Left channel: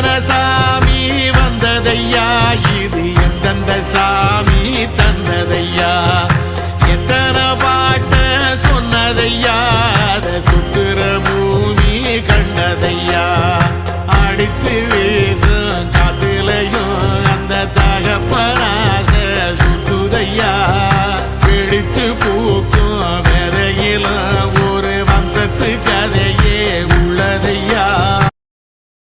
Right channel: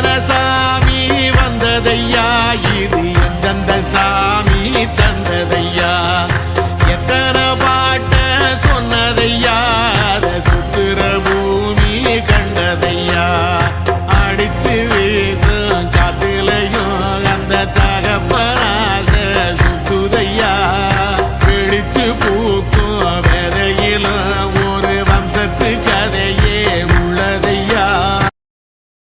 எத்தனை சாமி வந்ததையா, இது எந்தெந்த சாமி தந்ததையா, எத்தனை பாட்ட சொன்னதையா, அத சுத்துற பூமி கண்டதையா, அடிச்சு வீசும் காத்துலையும் அந்த தகப்பனாச சுத்துதையா, பிடிச்சு பூக்கும் வேதையிலும் ஒரு வம்சத்து கதையே உள்ளதையா.